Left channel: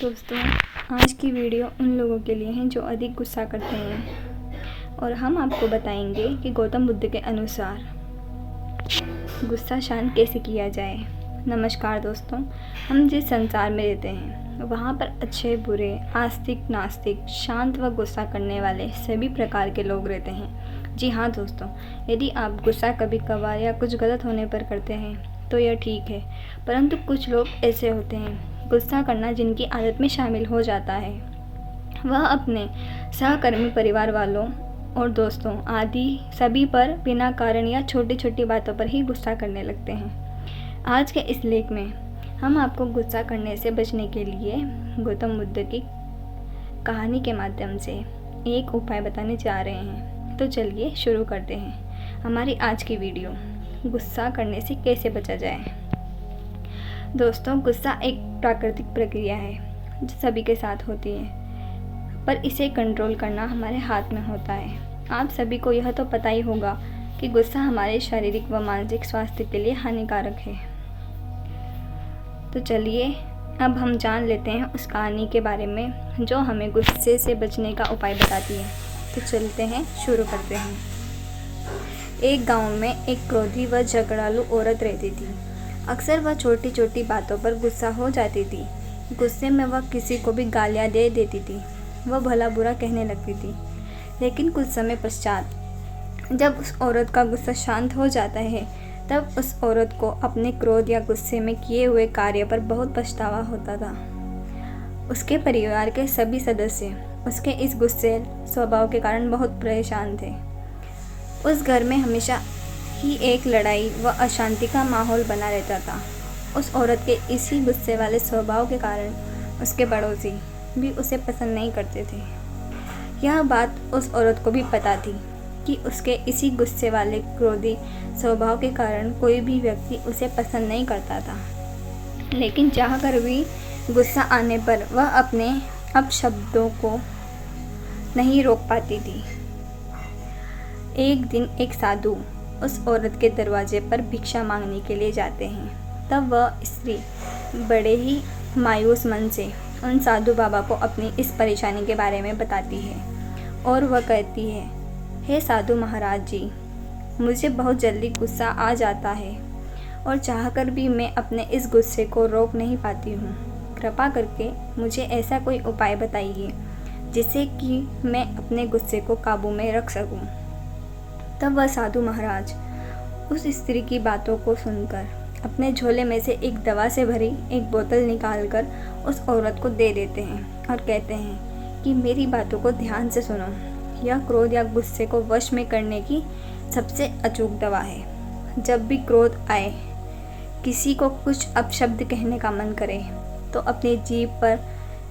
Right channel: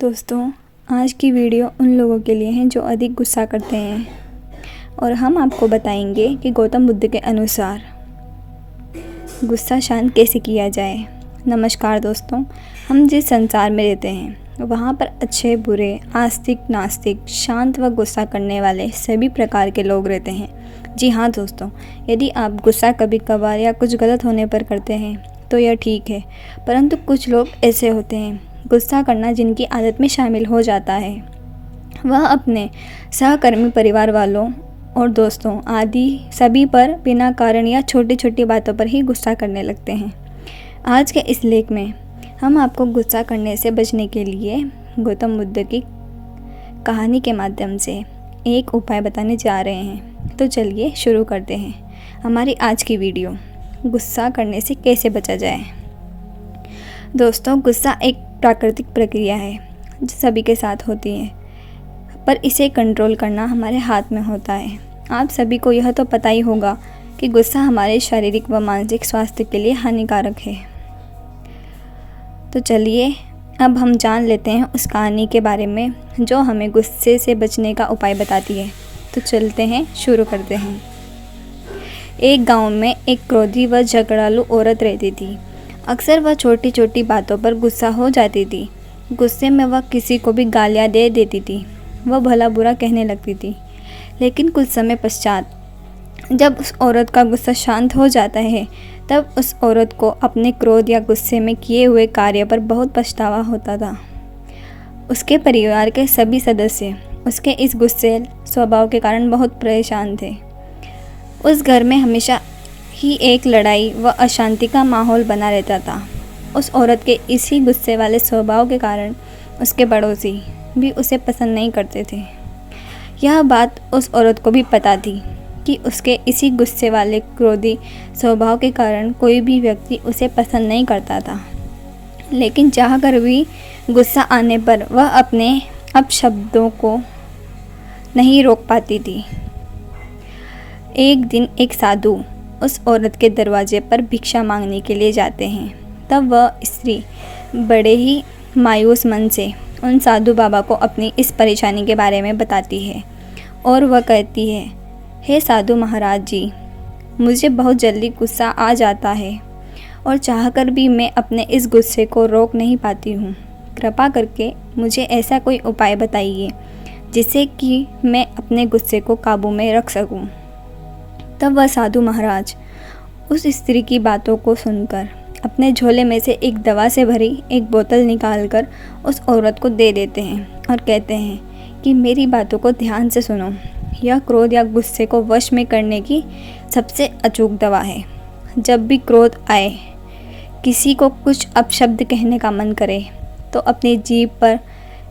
दोस्तों, आज की वीडियो उन लोगों के लिए है जो अधिक गुस्सा करते हैं और हम आपको बताएंगे कि गौतम बुद्ध के अनुसार गुस्सा शांत कैसे किया जाए। नमस्कार दोस्तों, हम जिस संसार में रहते हैं वहाँ पर अच्छे बुरे, आस्तिक नास्तिक, शांत व गुस्सा करने वाले सभी प्रकार के लोग रहते हैं। जी हाँ दोस्तों, यदि आप गुस्सा कभी कभार या कुछ गलत होने पर करते हैं तो यह ठीक है, परंतु कुछ लोग ऐसे होते हैं गुस्सा करना जिनकी आदत में शामिल हो जाता है। वह अपने सहकर्मी, परिवार वालों और दोस्तों आदि सभी पर बिना कारण या छोटी छोटी बातों पर ही गुस्सा करने लगते हैं। आज के इस लेख में हम आपको गुस्सा करने से बचने के लिए गौतम बुद्ध की कहानी के माध्यम से एक उपाय बताने जा रहे हैं। तो चलिए शुरू करते हैं हमारी आज की वीडियो, गुस्सा करने से कैसे बचा जाए। दोस्तों, गुस्सा एक प्राकृतिक प्रक्रिया है जो सभी के साथ होती है, पर इसे कंट्रोल करना हमारे हाथ में होता है। आप सभी को यह तो पता ही होगा कि गुस्सा हमारे शारीरिक व मानसिक स्वास्थ्य के लिए हानिकारक है। तो चलिए अब हम जान लेते हैं उस कहानी के बारे में जो हमें गुस्से से बचने का उपाय बताती है। तो चलते हैं, शुरू करते हैं। एक गांव में एक क्रोधी व झगड़ालू औरत रहती थी। अक्सर वह छोटी छोटी बातों पर गुस्सा हो जाती थी। गुस्से में वह किसी को भी गालियाँ दे देती थी, वह भला बुरा कहने लगती थी। लेकिन कुछ समय पश्चात जब उस औरत का गुस्सा शांत हो जाता है, तब उस औरत को अपने क्रोध या गुस्से में किए हुए कार्य पर बहुत पछतावा होता था। उसके परिवार के सभी सदस्य उसके इस गुस्से स्वभाव के कारण बहुत परेशान थे। उस घर में हमेशा ही एक लड़ाई व अशांति का माहौल बना रहता था। उस औरत के इसी गुस्से वाले स्वभाव के कारण उसके पड़ोसी भी उसे पसंद नहीं करते थे। यह बात उस औरत को भी पता थी कि उसके इसी गुस्से वाले क्रोधी स्वभाव के कारण कोई भी व्यक्ति उसे पसंद नहीं करता था। लेकिन चाहकर भी गुस्सा आने पर वह अपने अपशब्दों को नहीं रोक पाती थी। एक दिन एक साधु उस औरत के दरवाजे पर भिक्षा मांगने के लिए जाते हैं। तब वह स्त्री बड़े ही मायूस मन से उन साधु बाबा को अपनी इस परेशानी के बारे में बताती है और वह कहती है, हे साधु महाराज जी, मुझे बहुत जल्दी गुस्सा आ जाता है और चाहकर भी मैं अपने इस गुस्से को रोक नहीं पाती हूँ। कृपा करके मुझे ऐसा कोई उपाय बताइए जिससे कि मैं अपने गुस्से को काबू में रख सकूँ। तब वह साधु महाराज उस स्त्री की बातों को सुनकर अपने झोले में से एक दवा से भरी एक बोतल निकालकर उस औरत को दे देते हैं और कहते हैं कि मेरी बातों को ध्यान से सुनो। यह क्रोध या गुस्से को वश में करने की सबसे अचूक दवा है। जब भी क्रोध आए, किसी को कुछ अपशब्द कहने का मन करे, तो अपनी जीभ पर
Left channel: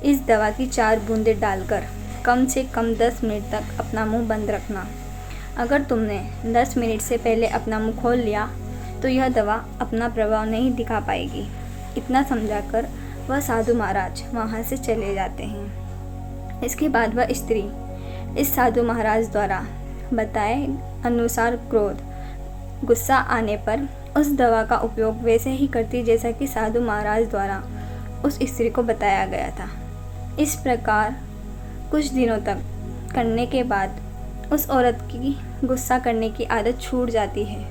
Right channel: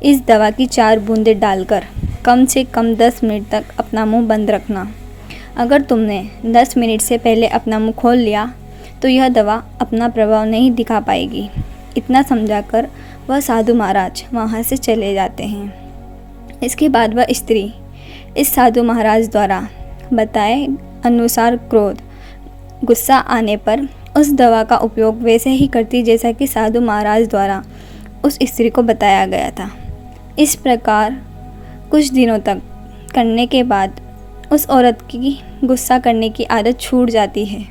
इस दवा की 4 बूंदें डालकर कम से कम 10 मिनट तक अपना मुंह बंद रखना। अगर तुमने 10 मिनट से पहले अपना मुंह खोल लिया तो यह दवा अपना प्रभाव नहीं दिखा पाएगी। इतना समझाकर वह साधु महाराज वहाँ से चले जाते हैं। इसके बाद वह स्त्री इस साधु महाराज द्वारा बताए अनुसार क्रोध, गुस्सा आने पर उस दवा का उपयोग वैसे ही करती जैसा कि साधु महाराज द्वारा उस स्त्री को बताया गया था। इस प्रकार कुछ दिनों तक करने के बाद उस औरत की गुस्सा करने की आदत छूट जाती है।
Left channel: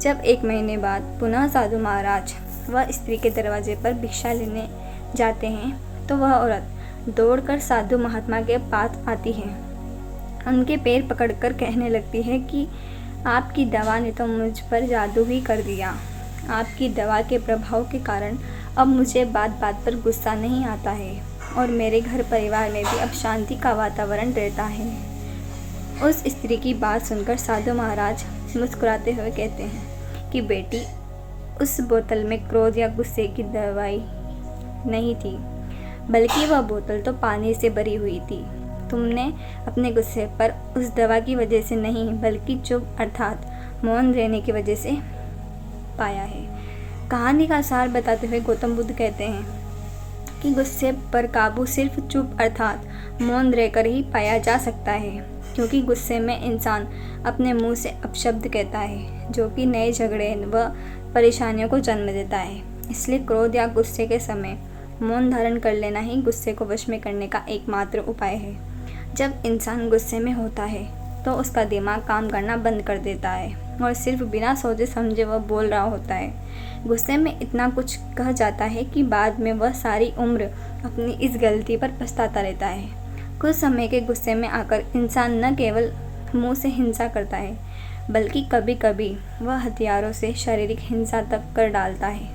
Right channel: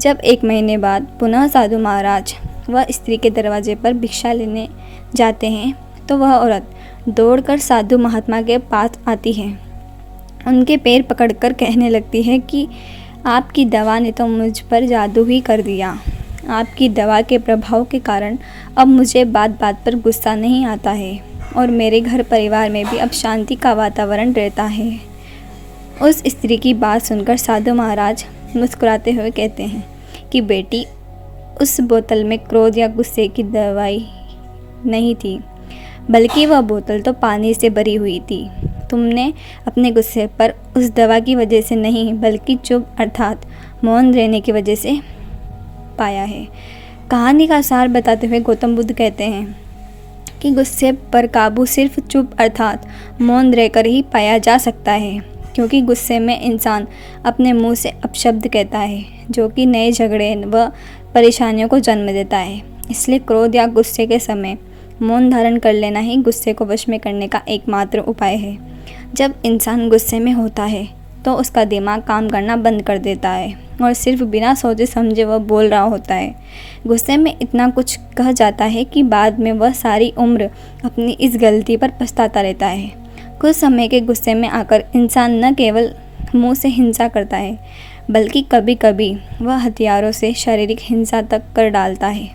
जब 1 महीने बाद पुनः साधु महाराज वह स्त्री के दरवाजे पर भिक्षा लेने जाते हैं तो वह औरत दौड़कर साधु महात्मा के पास आती है। उनके पैर पकड़कर कहने लगती है कि आपकी दवा ने तो मुझ पर जादू ही कर दिया। आपकी दवा के प्रभाव के कारण अब मुझे बात बात पर गुस्सा नहीं आता है और मेरे घर परिवार में भी अब शांति का वातावरण रहता है। उस स्त्री की बात सुनकर साधु महाराज मुस्कुराते हुए कहते हैं कि बेटी, उस बोतल में क्रोध या गुस्से की दवाई नहीं थी, बल्कि वह बोतल तो पानी से भरी हुई थी। तुमने अपने गुस्से पर उस दवा की वजह से नहीं, बल्कि चुप अर्थात मौन रहने की वजह से पाया है। कहानी का सार बताते हुए गौतम बुद्ध कहते हैं कि गुस्से पर काबू सिर्फ चुप अर्थात मौन रहकर ही पाया जा सकता है, क्योंकि गुस्से में इंसान अपने मुंह से अपशब्द कहता है जो कि नए झगड़े व परेशानियों को जन्म देता है। इसलिए क्रोध या गुस्से के समय मौन धारण कर लेना ही गुस्से को वश में करने का एकमात्र उपाय है। जब इंसान गुस्से में होता है तो उसका दिमाग काम करना बंद कर देता है और सिर्फ बिना सोचे समझे वह बोल रहा होता है। गुस्से में इतना कुछ कह जाता है कि बाद में वह सारी उम्र अपनी इस गलती पर पछताता रहता है। कुछ समय के गुस्से में आकर इंसान न केवल मुंह से हिंसा करता है, बल्कि कभी कभी वह हथियारों से शारीरिक हिंसा तक कर डालता है,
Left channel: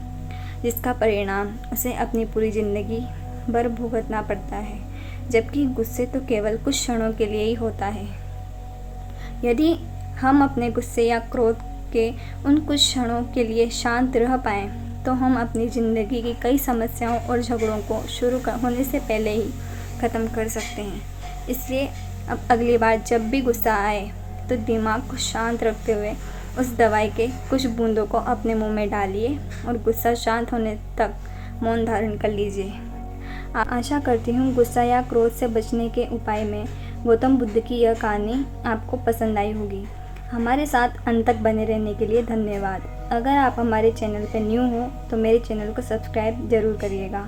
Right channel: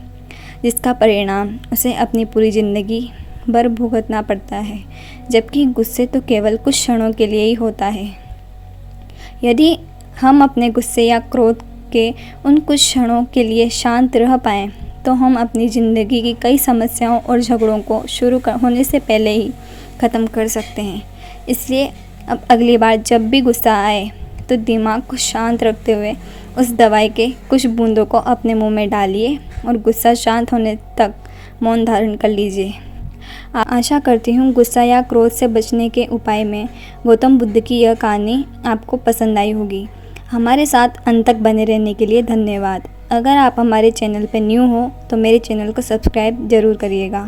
जिसका परिणाम उसे अपनी पूरी ज़िंदगी भर भुगतना पड़ता है। जबकि गुस्से तो केवल कुछ क्षणों के लिए ही होता है। यदि हम अपने गुस्से या क्रोध के उन कुछ क्षणों के लिए शांत रह पाएँ, तो हम अपनी ज़िंदगी की कई समस्याओं और झगड़ों को होने से पहले ही ख़त्म कर सकते हैं। इसलिए अब अगली बार जब भी गुस्सा आए तो दिमाग को शांत रखते हुए उस दवाई के कुछ बूंदों को अपने मुंह में डालिए और गुस्सा शांत होने तक मौन धारण कर लीजिए। आशा करती हूँ गुस्सा या क्रोध से बचने के उपाय में गौतम बुद्ध की यह कहानी आपको पसंद आई होगी। हमारे साथ अंत तक बने रहने के लिए धन्यवाद। अगर आप हमारे चैनल पर न्यू हो तो मेरे चैनल को सब्सक्राइब ज़रूर करिएगा।